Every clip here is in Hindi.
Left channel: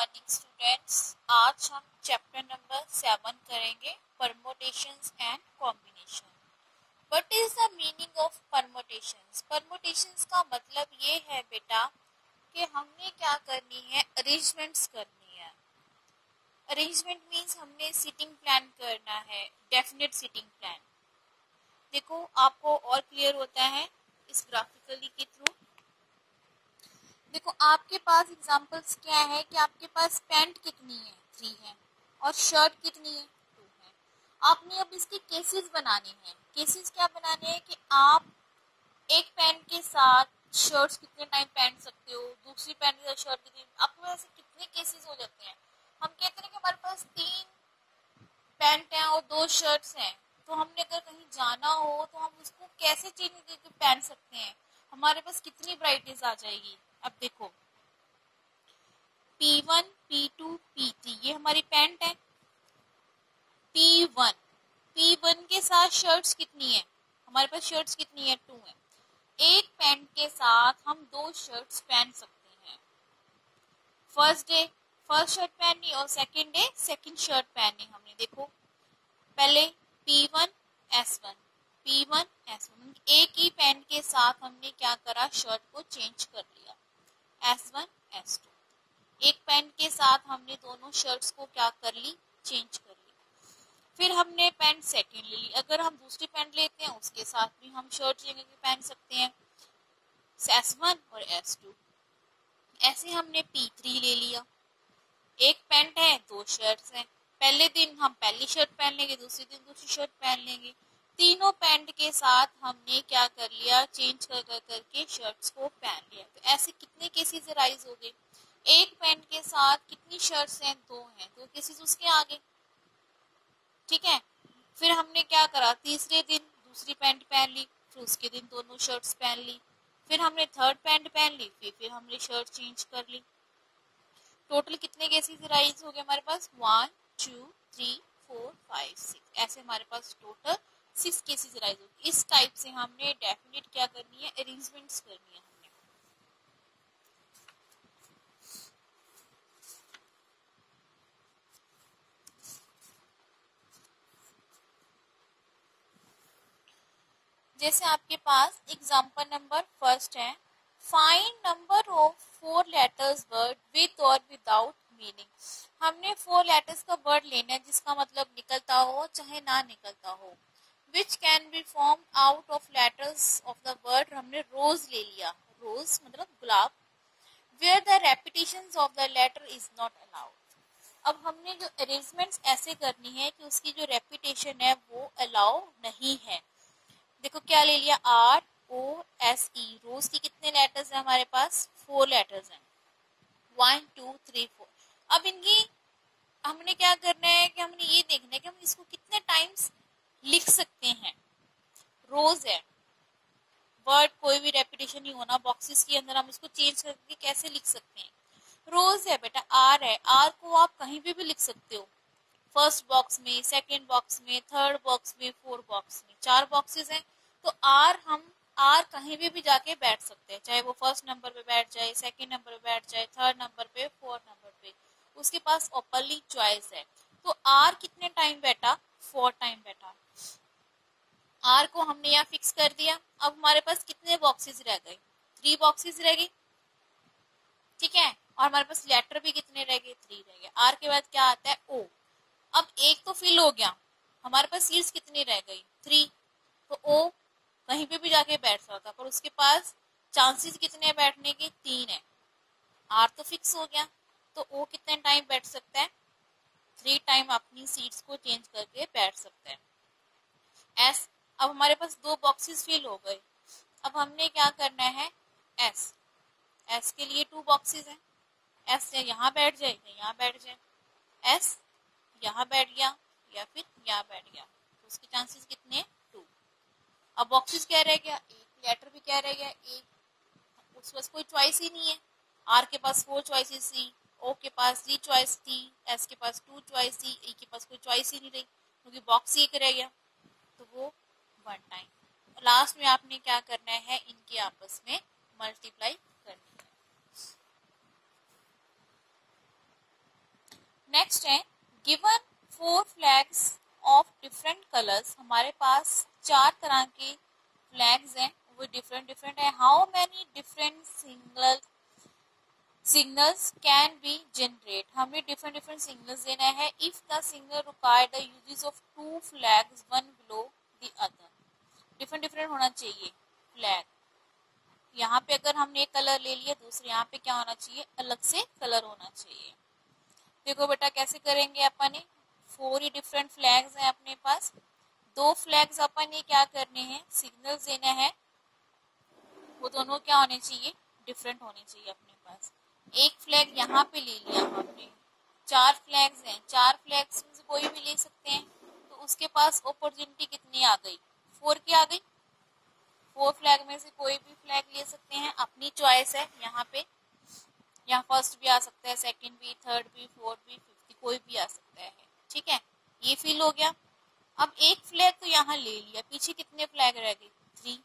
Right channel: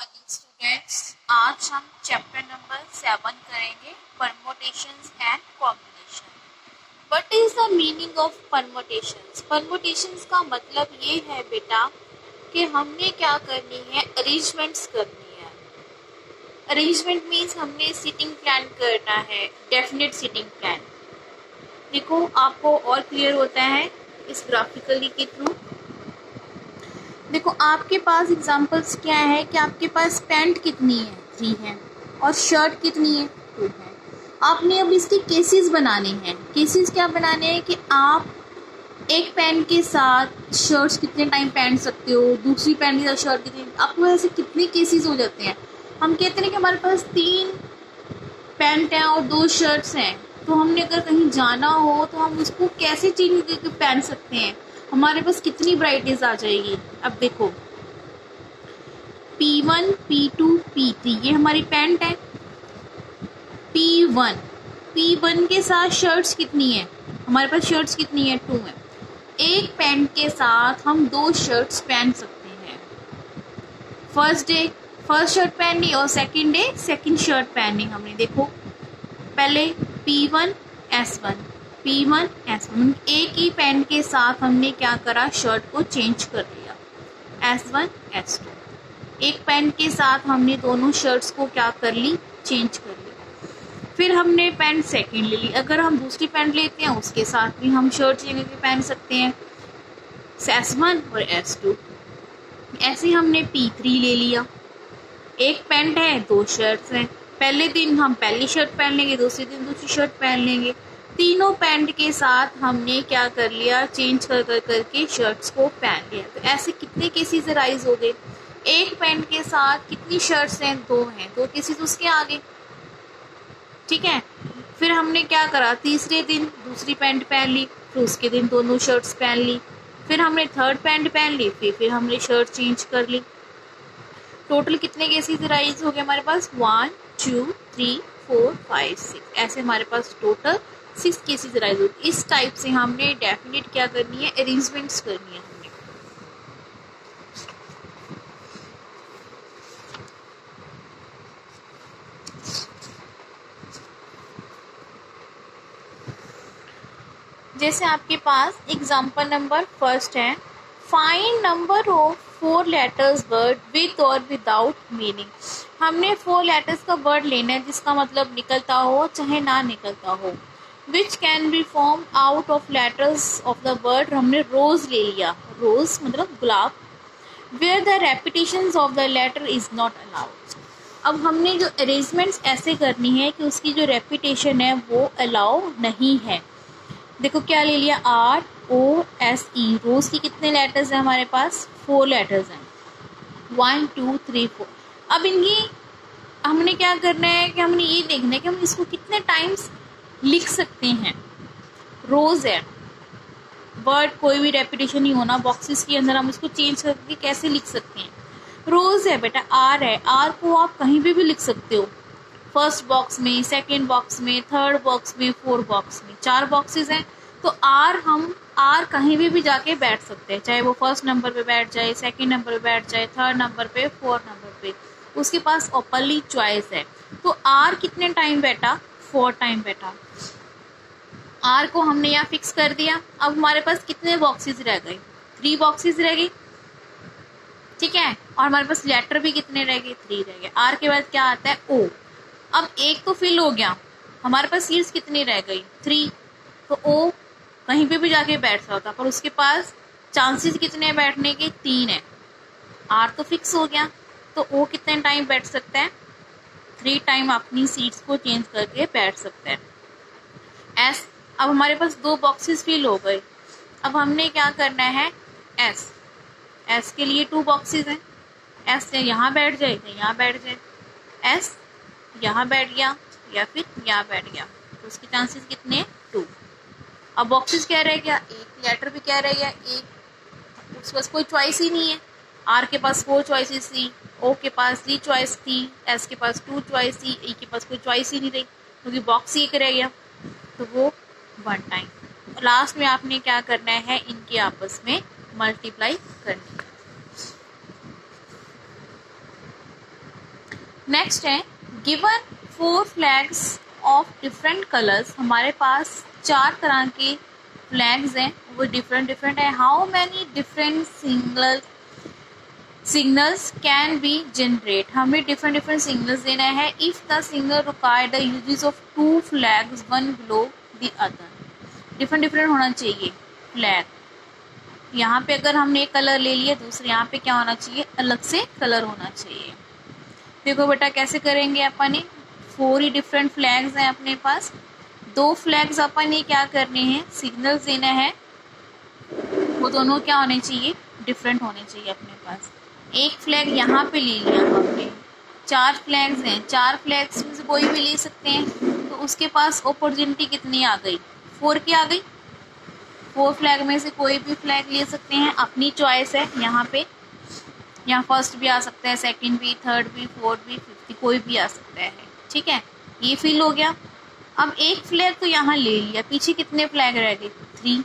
Morning students. आज हम चैप्टर नंबर 7 करेंगे, permutations and combination. What is the meaning of permutations? Permutations का मतलब ये है बेटा कि हमने क्या करनी है, अरेंजमेंट्स करनी है। अरेंजमेंट मीन्स हमने सिटिंग प्लान करना है, डेफिनेट सिटिंग प्लान। देखो आपको और क्लियर होता है इस ग्राफिकली के थ्रू। देखो आपके पास एग्जांपल्स क्या है कि आपके पास पैंट कितनी है, 3 है, और शर्ट कितनी है, 2 है। आपने अब इसके केसेस बनाने हैं। केसेस क्या बनाने हैं कि आप एक पैंट के साथ शर्ट्स कितने टाइम पहन सकते हो, दूसरी पैंट के साथ शर्ट कितने, आपको ऐसे कितने केसेस हो जाते हैं। हम कहते हैं कि हमारे पास 3 पैंट हैं और 2 शर्ट्स हैं, तो हमने अगर कहीं जाना हो तो हम उसको कैसे चेंज करके पहन सकते हैं, हमारे पास कितनी वैराइटीज आ जाएगी। अब देखो P1, P2, P3 ये हमारी पैंट है। P1 के साथ शर्ट्स कितनी है, हमारे पास शर्ट्स कितनी है, 2 है। एक पैंट के साथ हम 2 शर्ट्स पहन सकते हैं। फर्स्ट डे फर्स्ट शर्ट पहननी और सेकंड डे सेकंड शर्ट पहननी। हमने देखो पहले P1 S1 P1 S1 एक ही पैंट के साथ हमने क्या करा, शर्ट को चेंज कर लिया, S1 S2। एक पैंट के साथ हमने दोनों शर्ट्स को क्या कर ली, चेंज कर ली। फिर हमने पैंट सेकंड ले ली, अगर हम दूसरी पैंट लेते हैं उसके साथ भी हम शर्ट लेके पहन सकते हैं, S1 और S2। ऐसे हमने P3 ले लिया, एक पैंट है 2 शर्ट्स हैं, पहले दिन हम पहली शर्ट पहन लेंगे, दूसरे दिन दूसरी शर्ट पहन लेंगे। तीनों पैंट के साथ हमने क्या कर लिया, चेंज करके शर्ट्स को पहन लिया। तो ऐसे कितने केसेस अराइज हो गए। एक पैंट के साथ कितनी शर्ट्स हैं, 2 हैं, 2 केसेस उसके आगे, ठीक है। फिर हमने क्या करा, तीसरे दिन दूसरी पैंट पहन ली, फिर उसके दिन दोनों शर्ट्स पहन ली, फिर हमने थर्ड पैंट पहन ली, फिर हमने शर्ट चेंज कर ली। टोटल कितने केसेस राइज हो गए हमारे पास, 1 2 3 4 5 6, ऐसे हमारे पास टोटल 6 केसेस राइज हो गए। इस टाइप से हमने डेफिनेट क्या करनी है, अरेंजमेंट्स करनी है हमने। जैसे आपके पास एग्जांपल नंबर फर्स्ट है, find number of 4 letters word with और विदाउट मीनिंग। हमने 4 लेटर्स का वर्ड लेना है जिसका मतलब निकलता हो चाहे ना निकलता हो। Which can be form out of letters of the word, हमने रोज ले लिया, रोज मतलब गुलाब। Where the repetition of the letter is not allowed. अब हमने जो अरेंजमेंट्स ऐसे करनी है कि उसकी जो रेपिटेशन है वो अलाउ नहीं है। देखो क्या ले लिया, ROSE, रोज की कितने लेटर्स हैं हमारे पास, 4 लेटर्स हैं, 1 2 3 4। अब इनकी हमने क्या करना है कि हमने ये देखना है कि हम इसको कितने टाइम्स लिख सकते हैं। रोज है, वर्ड कोई भी रेपिटेशन नहीं होना, बॉक्सेस के अंदर हम इसको चेंज करके कैसे लिख सकते हैं। रोज है बेटा, R है, R को आप कहीं भी लिख सकते हो, फर्स्ट बॉक्स में, सेकेंड बॉक्स में, थर्ड बॉक्स में, 4 बॉक्स में, 4 बॉक्सेस हैं। तो आर कहीं भी जाके बैठ सकते हैं, चाहे वो फर्स्ट नंबर पे बैठ जाए, सेकंड नंबर पे बैठ जाए, थर्ड नंबर पे, फोर्थ नंबर पे, उसके पास ओपनली चॉइस है। तो आर कितने टाइम बैठा, 4 टाइम बैठा। आर को हमने यहाँ फिक्स कर दिया। अब हमारे पास कितने बॉक्सेस रह गए, 3 बॉक्सेस रह गए, ठीक है। और हमारे पास लेटर भी कितने रह गए, 3 रह गए। आर के बाद क्या आता है, ओ। अब एक तो फिल हो गया, हमारे पास सीट्स कितनी रह गई, 3। तो ओ कहीं पे भी जाके बैठ सकता, पर उसके पास चांसेस कितने हैं बैठने के, 3 है। आर तो फिक्स हो गया, तो ओ कितने टाइम बैठ सकता है, 3 टाइम अपनी सीट्स को चेंज करके बैठ सकता है। एस, अब हमारे पास 2 बॉक्सेस फिल हो गए। अब हमने क्या करना है, एस के लिए 2 बॉक्सेस हैं, एस यहाँ बैठ जाए या यहाँ बैठ जाए, एस यहाँ बैठ गया या फिर यहाँ बैठ गया, तो उसके चांसेस कितने, 2। अब बॉक्सेस क्या रह गया, एक लेटर भी क्या रह गया, एक, उसके पास कोई चॉइस ही नहीं है। आर के पास 4 चॉइसेस थी, ओ के पास 3 चॉइस थी, एस के पास 2 चॉइस थी, ई के पास कोई चॉइस ही नहीं रही, क्योंकि बॉक्स एक रह गया, तो वो 1 टाइम। लास्ट में आपने क्या करना है, इनके आपस में मल्टीप्लाई करनी है। नेक्स्ट है given 4 flags of different colours, हमारे पास 4 तरह के फ्लैग्स हैं, वो डिफरेंट है। How many different signals can be generate, हमें डिफरेंट सिग्नल्स देना है। If the signal require the uses of 2 flags one below the other, different होना चाहिए फ्लैग। यहाँ पे अगर हमने एक कलर ले लिया, दूसरे यहाँ पे क्या होना चाहिए, अलग से कलर होना चाहिए। देखो बेटा कैसे करेंगे अपन, 4 ही डिफरेंट फ्लैग्स हैं अपने पास, 2 फ्लैग्स अपन ये क्या करने हैं, सिग्नल्स देना है, वो दोनों क्या होने चाहिए, डिफरेंट होने चाहिए अपने पास। एक फ्लैग यहाँ पे ले लिया हमने, 4 फ्लैग्स हैं, 4 फ्लैग्स में से कोई भी ले सकते हैं, तो उसके पास अपॉर्चुनिटी कितनी आ गई, 4 की आ गई। 4 फ्लैग में से कोई भी फ्लैग ले सकते हैं, अपनी चॉइस है। यहाँ पे यहाँ फर्स्ट भी आ सकता है, सेकंड भी, थर्ड भी, फोर्थ भी, फिफ्थ, कोई भी आ सकता है। ठीक है, ये फिल हो गया। अब एक फ्लैग तो यहाँ ले लिया, पीछे कितने फ्लैग रह गए, 3।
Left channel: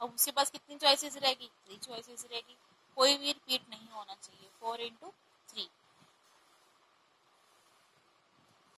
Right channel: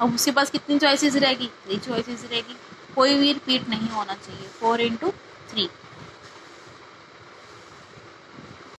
अब उसके पास कितनी चॉइसेस रहेगी, 3 चॉइसेस रहेगी, कोई भी रिपीट नहीं होना चाहिए, 4 × 3।